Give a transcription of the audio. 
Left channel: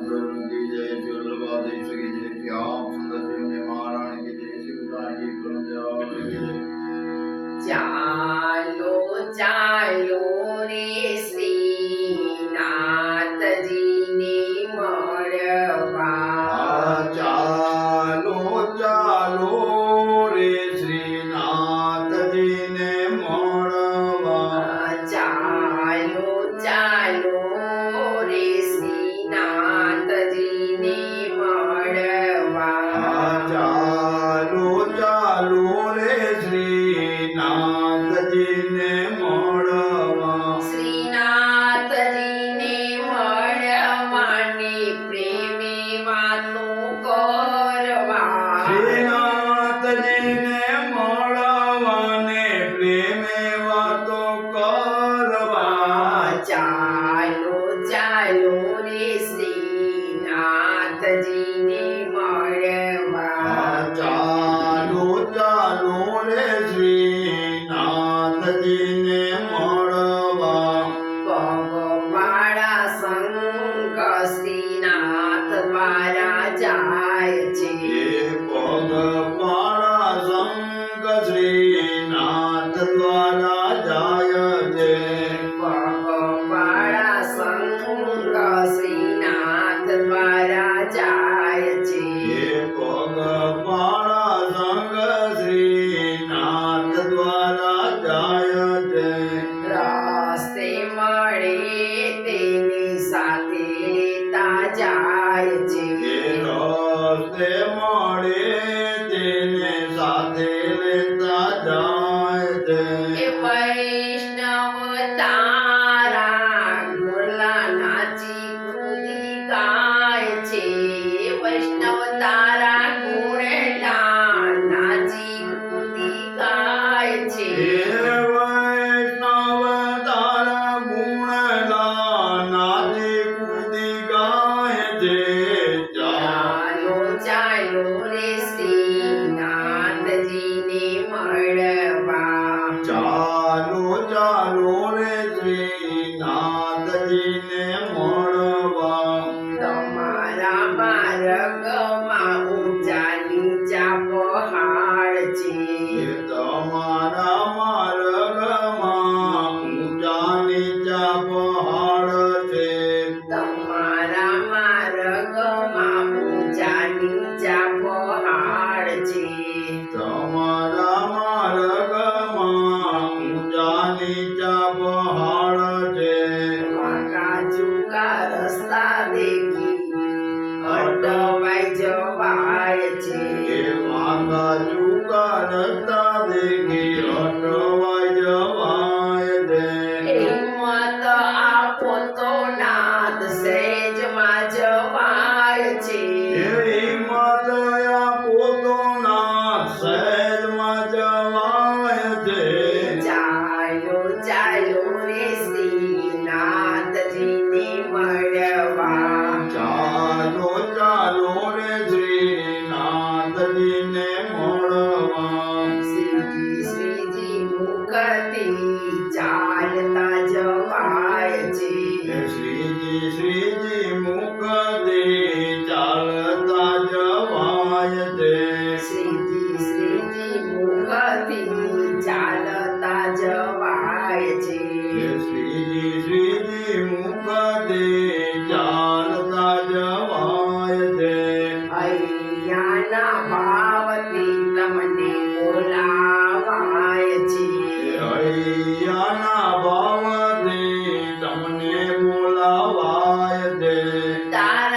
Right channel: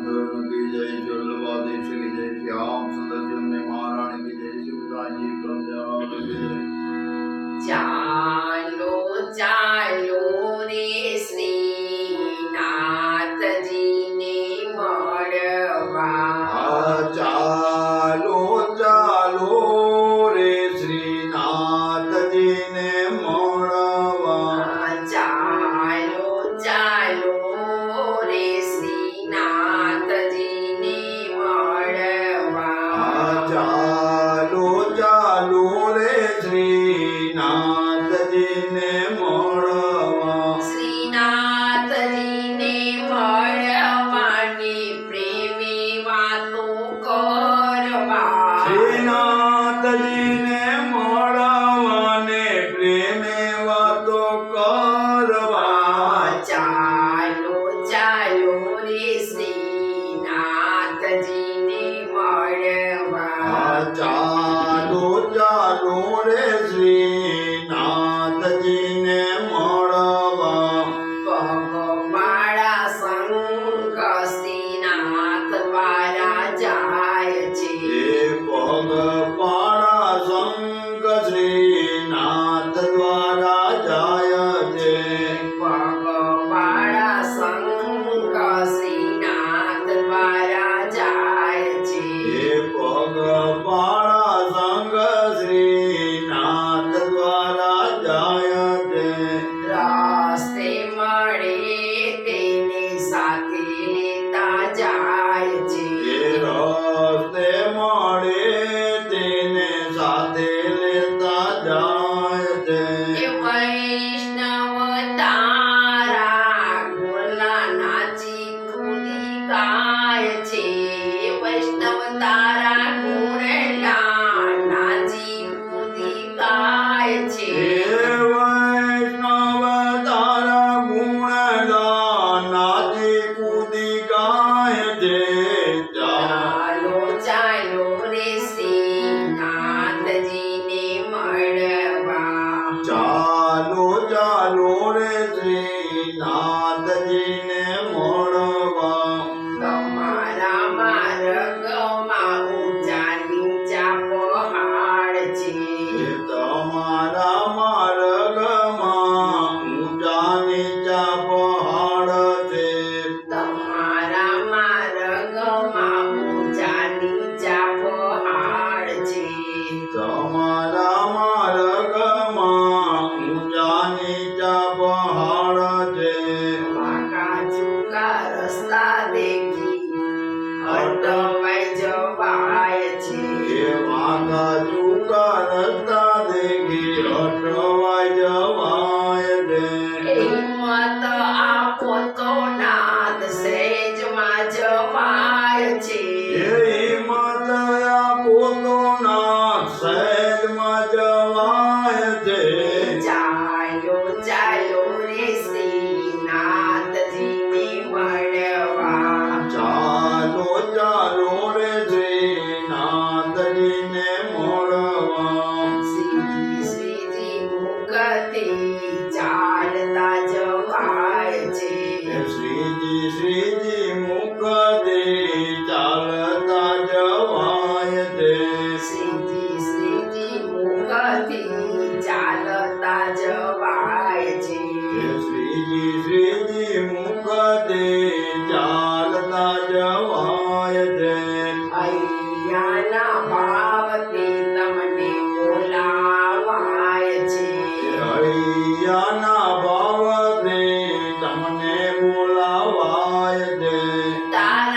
की जय, श्री वल्लभाधीश की जय, श्याम सुंदर जी हमने महारानी की जय, शिवदाजी क्रम दयाल की जय। ચાલો ચાલો રે શ્રીનાથજીને મળવા ચાલો ચાલો રે શ્રીનાથજીને મળવા ચાલો ચાલો રે શ્રીનાથજીને મળવા ચાલો ચાલો રે શ્રીનાથજીને મળવા શ્રીનાથજીને મળવાની પ્રેમે વાતો કરવા શ્રીનાથજીને મળવાને પ્રેમે વાતો કરવા ચાલો ચાલો રે શ્રીનાથજીને મળવા ચાલો ચાલો રે શ્રીનાથજીને મળવા પગપાળા સંગ શ્રીનાથ દ્વારા જાય છે પગપાળા સંગ શ્રીનાથ દ્વારા જાય છે પગપાળા સંગ શ્રીનાથ દ્વારા જાય છે પગપાળા સંગ શ્રીનાથ દ્વારા જાય છે રસ્તે મળે તેની સાથે લેતા જાય છે રસ્તે મળે તેને સાથે લેતા જાય છે એ વૈષ્ણવ તારા ગુણલા નાચી કૂદી ગાય છે વૈષ્ણવ તારા ગુણલા નાચી કૂદી ગાય છે વૈષ્ણવ તારા ગુણ ગાનાથી કૂદી ગાય છે ચાલો ચાલો રે શ્રીનાથજીને મળવા ચાલો ચાલો રે શ્રીનાથજીને મળવા તમારા માર્ગમાં ઊંચા નીચા પહાડ છે તમારા માર્ગમાં ઊંચા નીચા પહાડ છે તમારા માર્ગમાં ઊંચા નીચા પહાડ છે તમારા માર્ગમાં ઊંચા નીચા પહાડ છે વાંકા ચૂકા રસ્તા દેખી અટવાઈ જવાય છે વાંકા ચૂકા રસ્તા દેખી અટવાઈ જવાય છે હિંમત આપો તો નાથ સહેજમાં જવાય છે હિંમત આપો તો નાથ સહેજમાં જવાય છે ચાલો ચાલો રે શ્રીનાથજીને મળવા ચાલો ચાલો રે શ્રીનાથજીને મળવા શ્રીજી શ્રીજી મુખથી ચાલતા જવાય છે શ્રીજી શ્રીજી મુખથી ચાલતા જવાય છે શ્રીજી શ્રીજી મુખથી ચાલતા જવાય છે શ્રીજી શ્રીજી મુખથી ચાલતા જવાય છે અહીંયાના ભાવથી તમને બોલાવાય છે હૈયાના ભાવથી તમને બોલાવાય છે તારા